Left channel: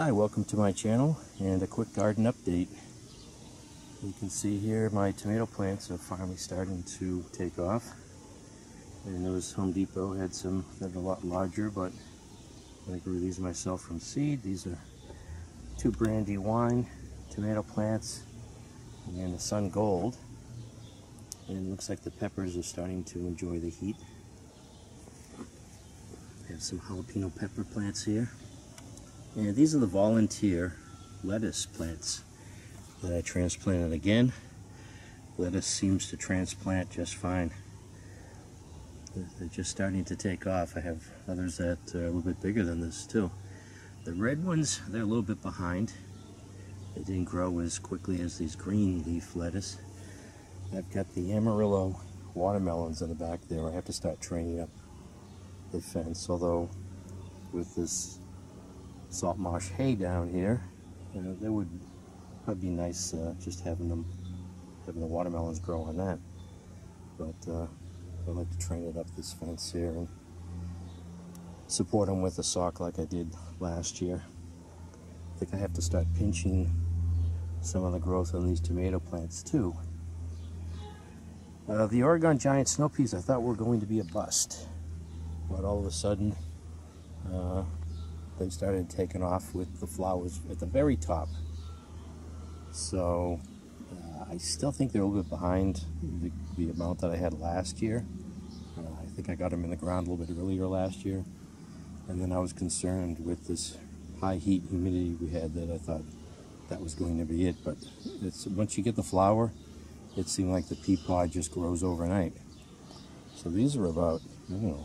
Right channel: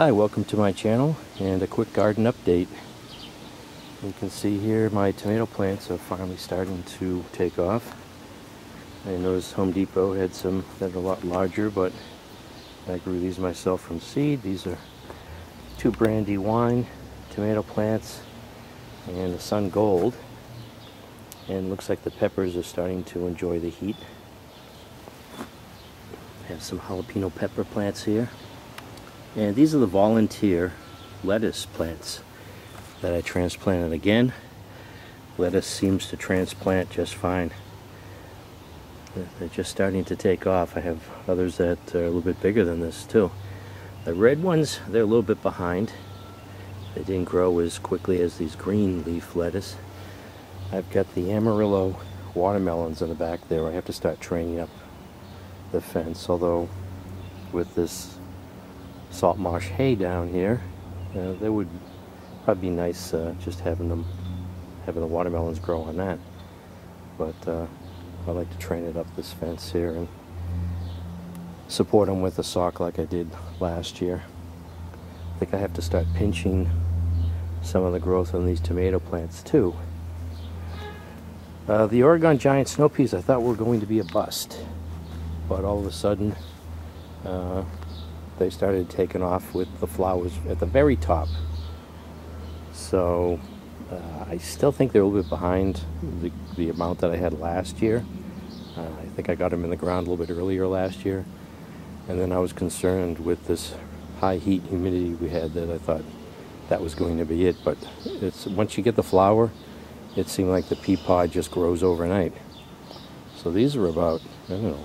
Hi, welcome to my channel and a quick garden update. You can see here my tomato plants are finally starting to take off. I noticed Home Depot had some that are a lot larger, but I grew these myself from seed. These are 2 Brandywine tomato plants and the Sun Gold. And it looks like the peppers are starting to enjoy the heat. I have some jalapeno pepper plants here. And these are the volunteer lettuce plants that I transplanted again. Lettuce seems to transplant just fine. They're just starting to take off. I have others that are a little bit bigger than this too. The red ones, they're a little bit behind. They didn't grow as quickly as these green leaf lettuce. I've got the Amarillo watermelons in the back there. I have to start training up the fence, although with this salt marsh hay down here, they would probably be nice just having the watermelons grow on that. But I like to train it up this fence here and support them with a sock like I did last year. I think I have to start pinching some of the growth on these tomato plants too. The Oregon giant snow peas I thought were going to be a bust, but all of a sudden they started taking off with the flowers at the very top. So I still think they're a little bit behind the amount that I had last year. I think I got them in the ground a little bit earlier last year, and then I was concerned with this high heat humidity we had that I thought that was going to be it. But it's once you get the flower, it seemed like the pea pod just grows overnight. So these are about, I don't know,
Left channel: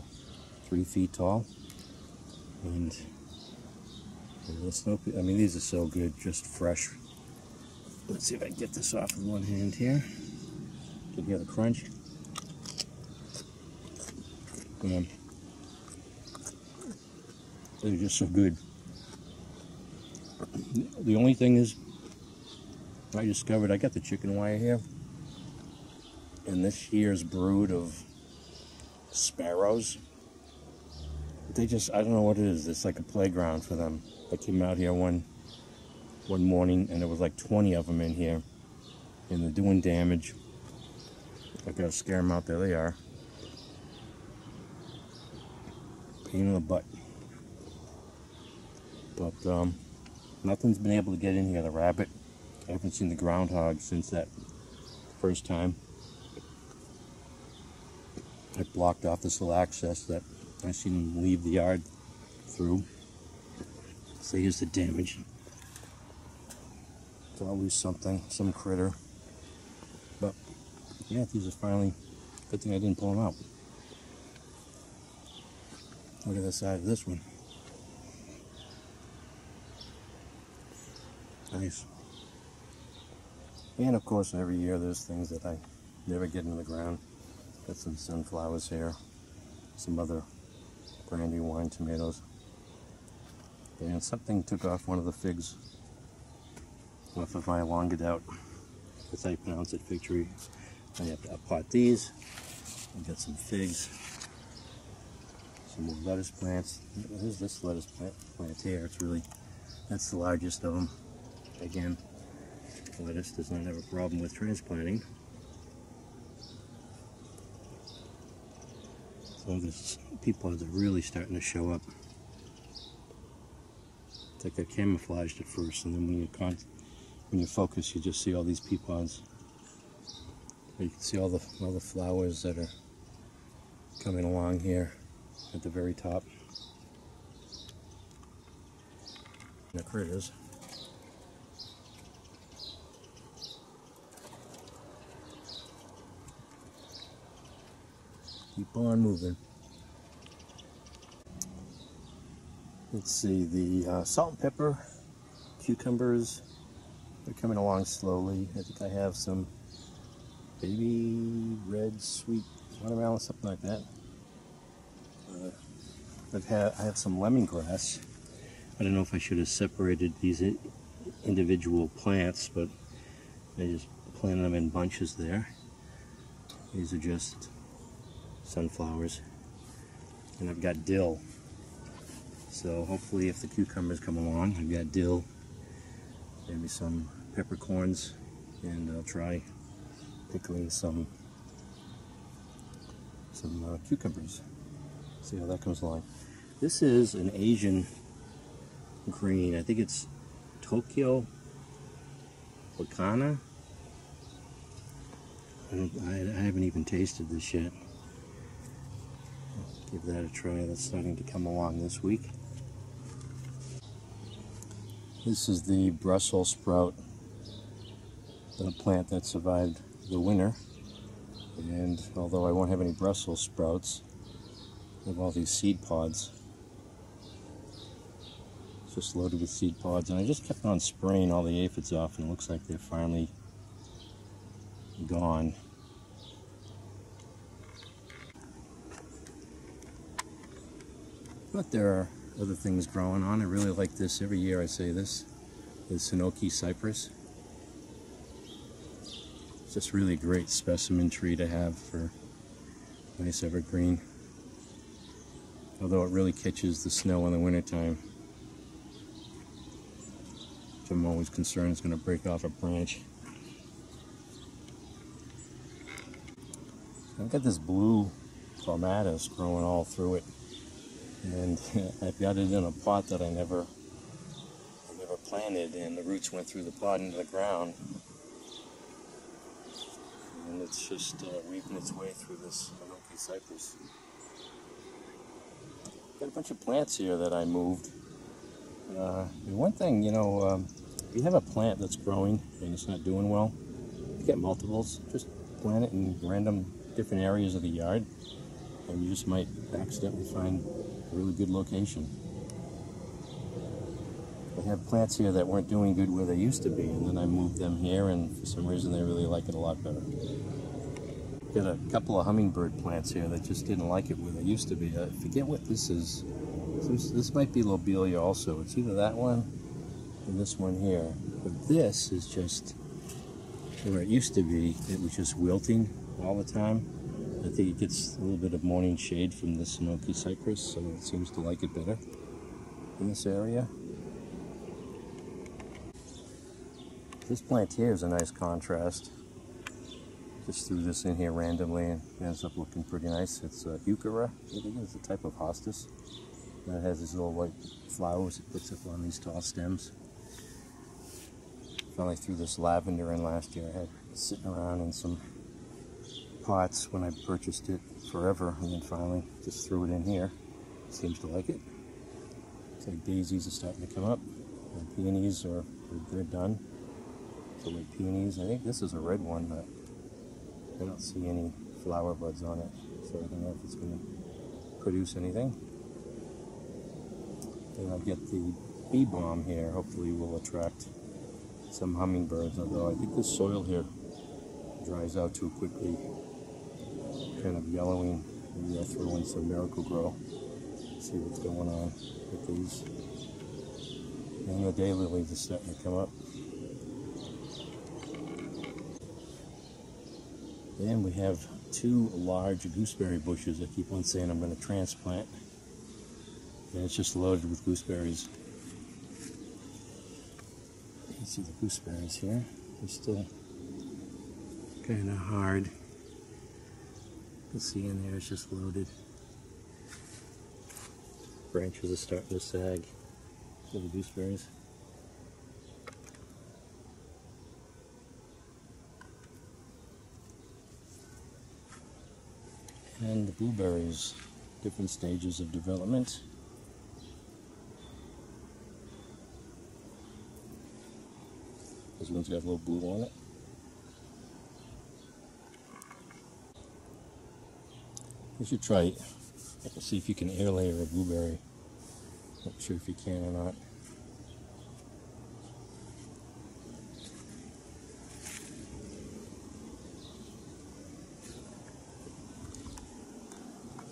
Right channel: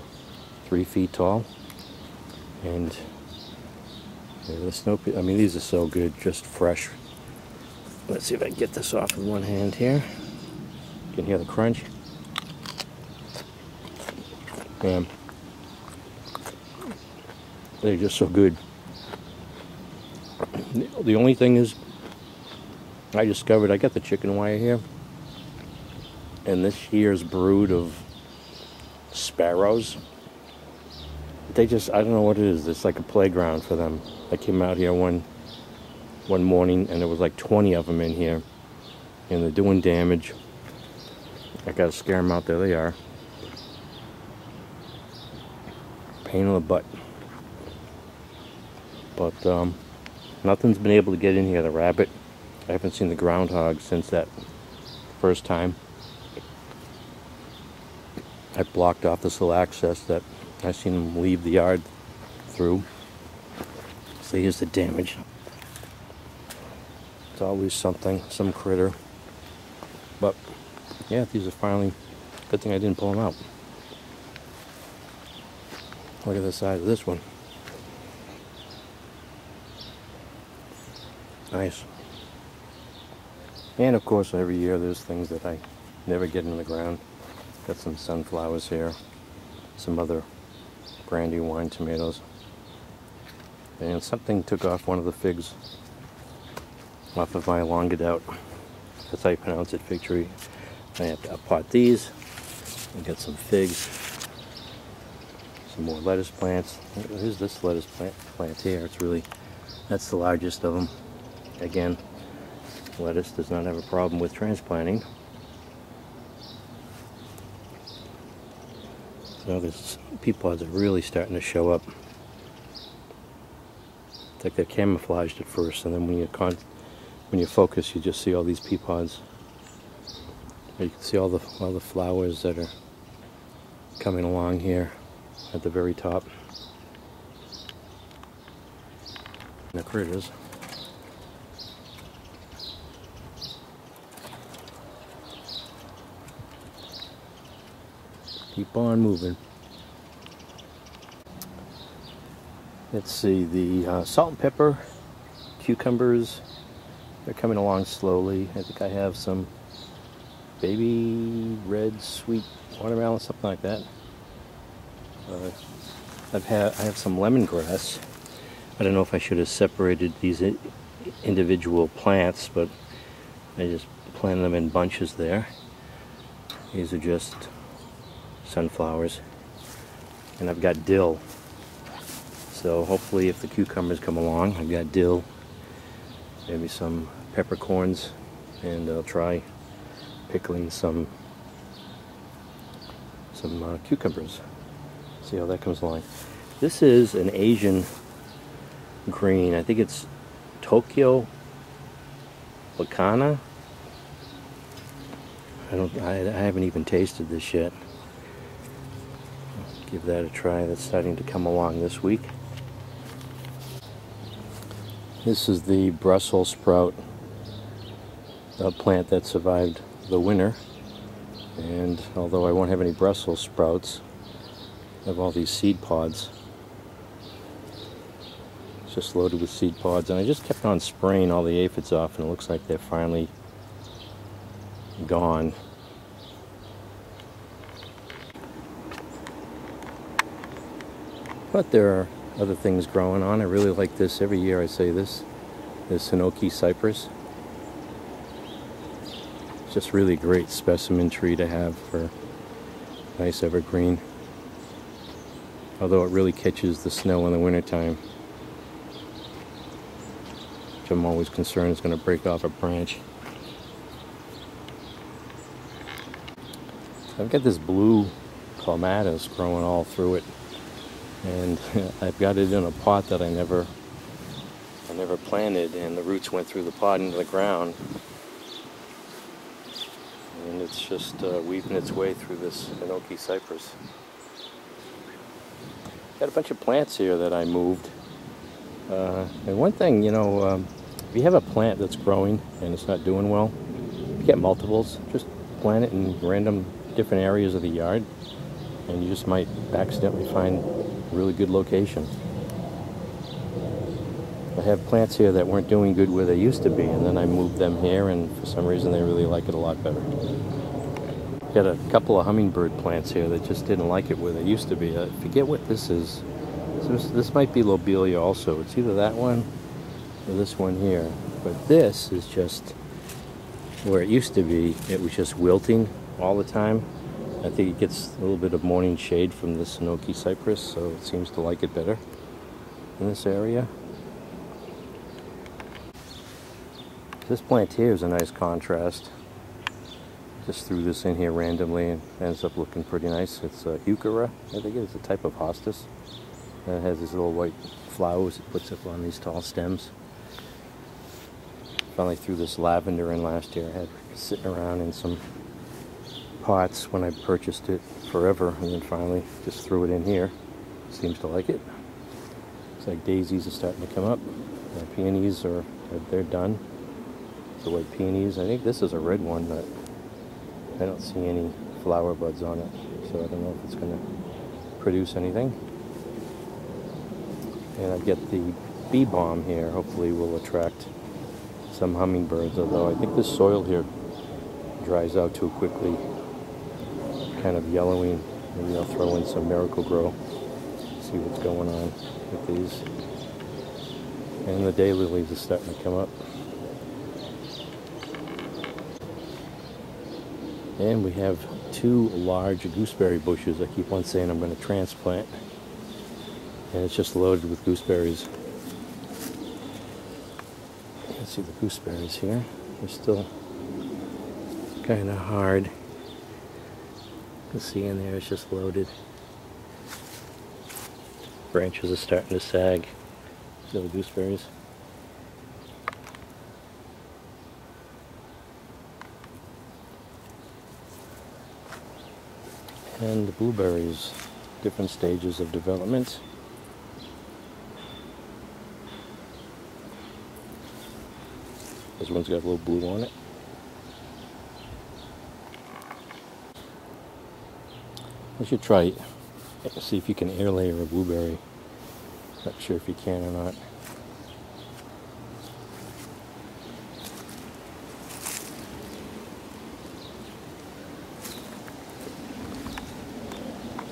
3 feet tall, and the snow pea, I mean, these are so good, just fresh. Let's see if I can get this off with one hand here. You can hear the crunch. And they're just so good. The only thing is, I discovered I got the chicken wire here, and this year's brood of sparrows, they just, I don't know what it is, it's like a playground for them. I came out here one morning and there was like 20 of them in here, and they're doing damage. I gotta scare them out. There they are. Pain in the butt. But nothing's been able to get in here. The rabbit, I haven't seen the groundhog since that first time. I blocked off this little access that I seen them leave the yard through. So here's the damage. It's always something, some critter. But yeah, these are finally, good thing I didn't pull them out. Look at the size of this one. Nice. And of course every year there's things that I never get in the ground. Got some sunflowers here, some other Brandywine tomatoes, and something took off one of the figs off of my Longadoubt. That's how you pronounce it, fig tree. I have to pot these. I got some figs, some more lettuce plants. Here's this lettuce plant here. It's really, that's the largest of them. Again, lettuce does not have a problem with transplanting. So these pea pods are really starting to show up. It's like they're camouflaged at first, and then when you focus, you just see all these pea pods. You can see all the flowers that are coming along here at the very top. And the critters. Keep on moving. Let's see, the salt and pepper, cucumbers, they're coming along slowly. I think I have some baby red sweet watermelon, something like that. I have some lemongrass. I don't know if I should have separated these individual plants, but I just planted them in bunches there. These are just sunflowers, and I've got dill. So So hopefully if the cucumbers come along, I've got dill, maybe some peppercorns, and I'll try pickling some cucumbers. See how that comes along. This is an Asian green. I think it's Tokyo Wakana. I haven't even tasted this yet. I'll give that a try. That's starting to come along this week. This is the Brussels sprout plant that survived the winter. And although I won't have any Brussels sprouts, I have all these seed pods. It's just loaded with seed pods, and I just kept on spraying all the aphids off, and it looks like they're finally gone. But there are other things growing on. I really like this. Every year I say this is Hinoki cypress. It's just really a great specimen tree to have for nice evergreen. Although it really catches the snow in the wintertime, which I'm always concerned is going to break off a branch. I've got this blue clematis growing all through it, and I've got it in a pot that I never planted, and the roots went through the pot into the ground, and it's just weaving its way through this Hinoki cypress. Got a bunch of plants here that I moved, and one thing, you know, if you have a plant that's growing and it's not doing well, if you get multiples, just plant it in random different areas of the yard, and you just might accidentally find a really good location. I have plants here that weren't doing good where they used to be, and then I moved them here, and for some reason they really like it a lot better. Got a couple of hummingbird plants here that just didn't like it where they used to be. I forget what this is. This might be lobelia also. It's either that one or this one here. But this is just where it used to be. It was just wilting all the time. I think it gets a little bit of morning shade from this Hinoki cypress, so it seems to like it better in this area. This plant here is a nice contrast. Just threw this in here randomly and ends up looking pretty nice. It's a heuchera, I think it's a type of hostas. And it has these little white flowers it puts up on these tall stems. Finally threw this lavender in last year. I had it sitting around in some pots when I purchased it forever, and then finally just threw it in here. Seems to like it. Looks like daisies are starting to come up. Peonies they're done. The white peonies. I think this is a red one, but I don't see any flower buds on it, so I don't know if it's going to produce anything. And I get the bee balm here. Hopefully will attract some hummingbirds, although I think this soil here dries out too quickly. Kind of yellowy. Maybe I'll throw in some Miracle Grow. See what's going on with these. And the daylilies are starting to come up. And we have two large gooseberry bushes I keep on saying I'm going to transplant. And it's just loaded with gooseberries. You can see the gooseberries here. They're still kind of hard. You can see in there it's just loaded. Branches are starting to sag. Little gooseberries. And the blueberries, different stages of development. This one's got a little blue on it. I should try, see if you can air layer a blueberry. Not sure if you can or not.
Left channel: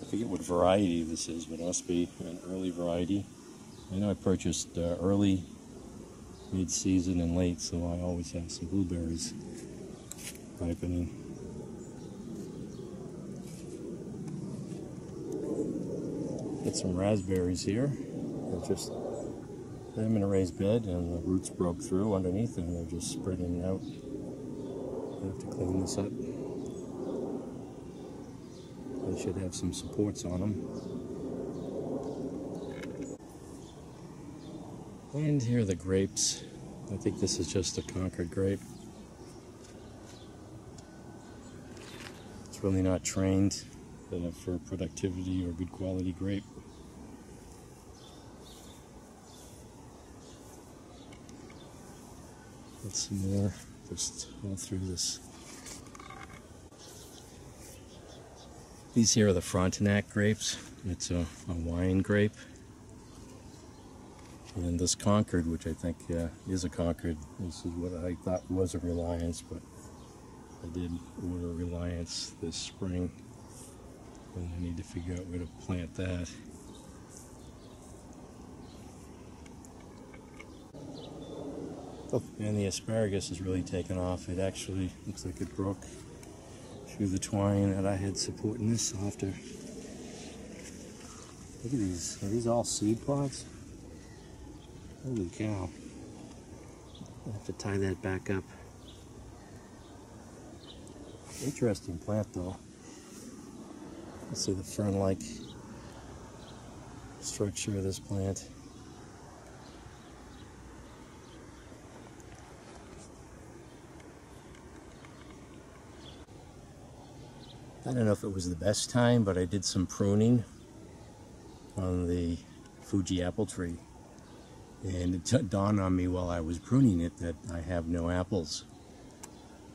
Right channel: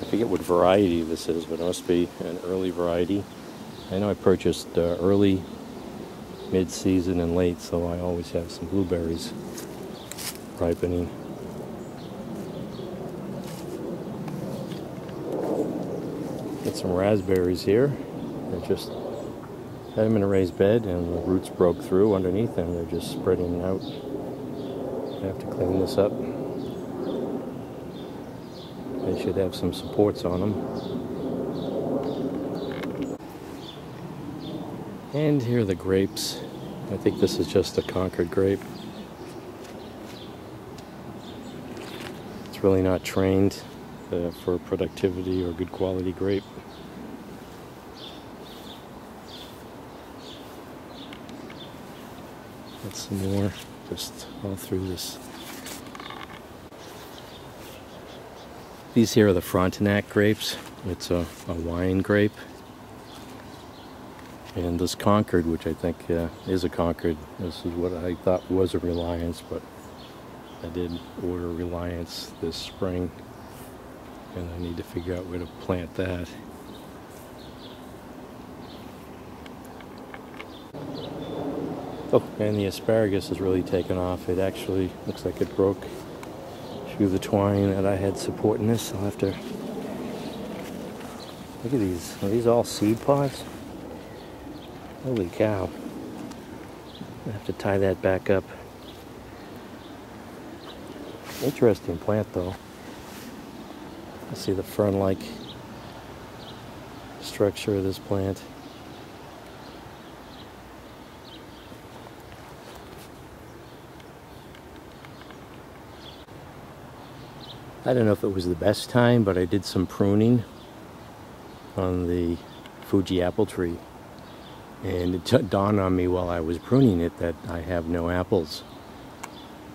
I forget what variety this is, but it must be an early variety. I know I purchased early, mid-season, and late, so I always have some blueberries ripening. Got some raspberries here. I just had them in a raised bed and the roots broke through underneath and they're just spreading out. I have to clean this up. They should have some supports on them. And here are the grapes. I think this is just a Concord grape. It's really not trained for productivity or good quality grape. That's some more just all through this. These here are the Frontenac grapes. It's a wine grape. And this Concord, which I think is a Concord, this is what I thought was a Reliance, but I did order Reliance this spring, and I need to figure out where to plant that. Oh, and the asparagus has really taken off. It actually looks like it broke through the twine that I had supporting this. I'll have to look at these. Are these all seed pods? Holy cow. I have to tie that back up. Interesting plant though. Let's see the fern-like structure of this plant. I don't know if it was the best time, but I did some pruning on the Fuji apple tree. And it dawned on me while I was pruning it that I have no apples.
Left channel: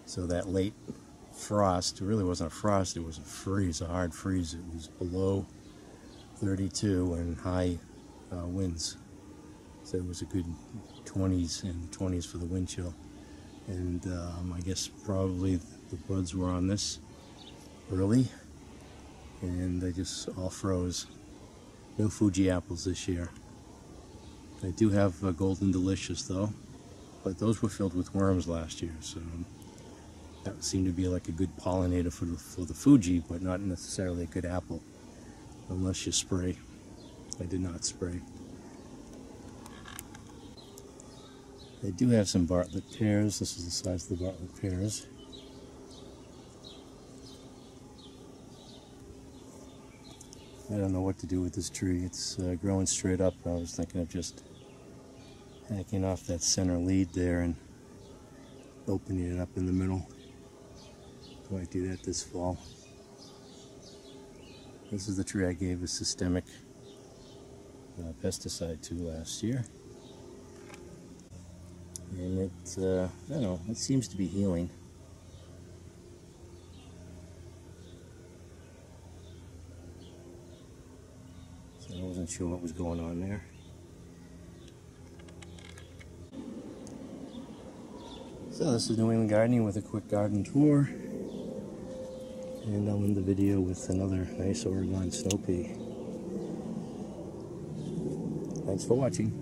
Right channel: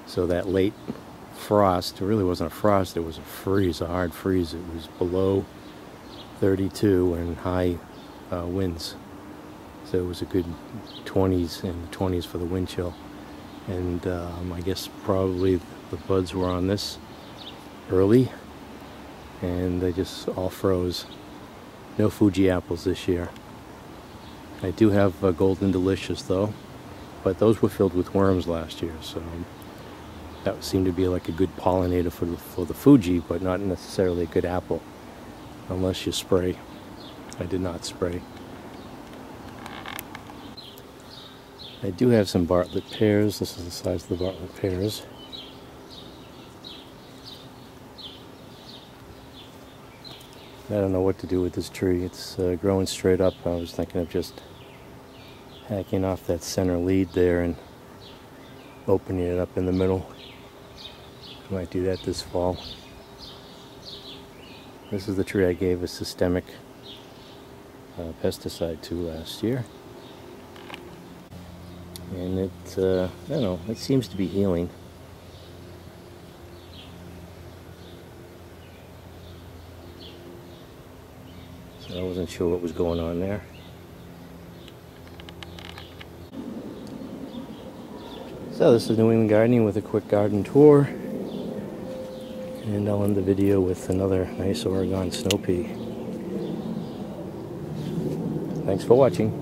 So that late frost, it really wasn't a frost, it was a freeze, a hard freeze. It was below 32 and high winds. So it was a good 20s and 20s for the wind chill. And I guess probably the buds were on this early and they just all froze. No Fuji apples this year. I do have Golden Delicious though, but those were filled with worms last year, so that seemed to be like a good pollinator for the Fuji, but not necessarily a good apple, unless you spray. I did not spray. I do have some Bartlett pears. This is the size of the Bartlett pears. I don't know what to do with this tree. It's growing straight up. I was thinking of just hacking off that center lead there and opening it up in the middle. Might do that this fall. This is the tree I gave a systemic pesticide to last year. And it, I don't know, it seems to be healing. I wasn't sure what was going on there. So this is New England Gardening with a quick garden tour. And I'll end the video with another nice Oregon snow pea. Thanks for watching.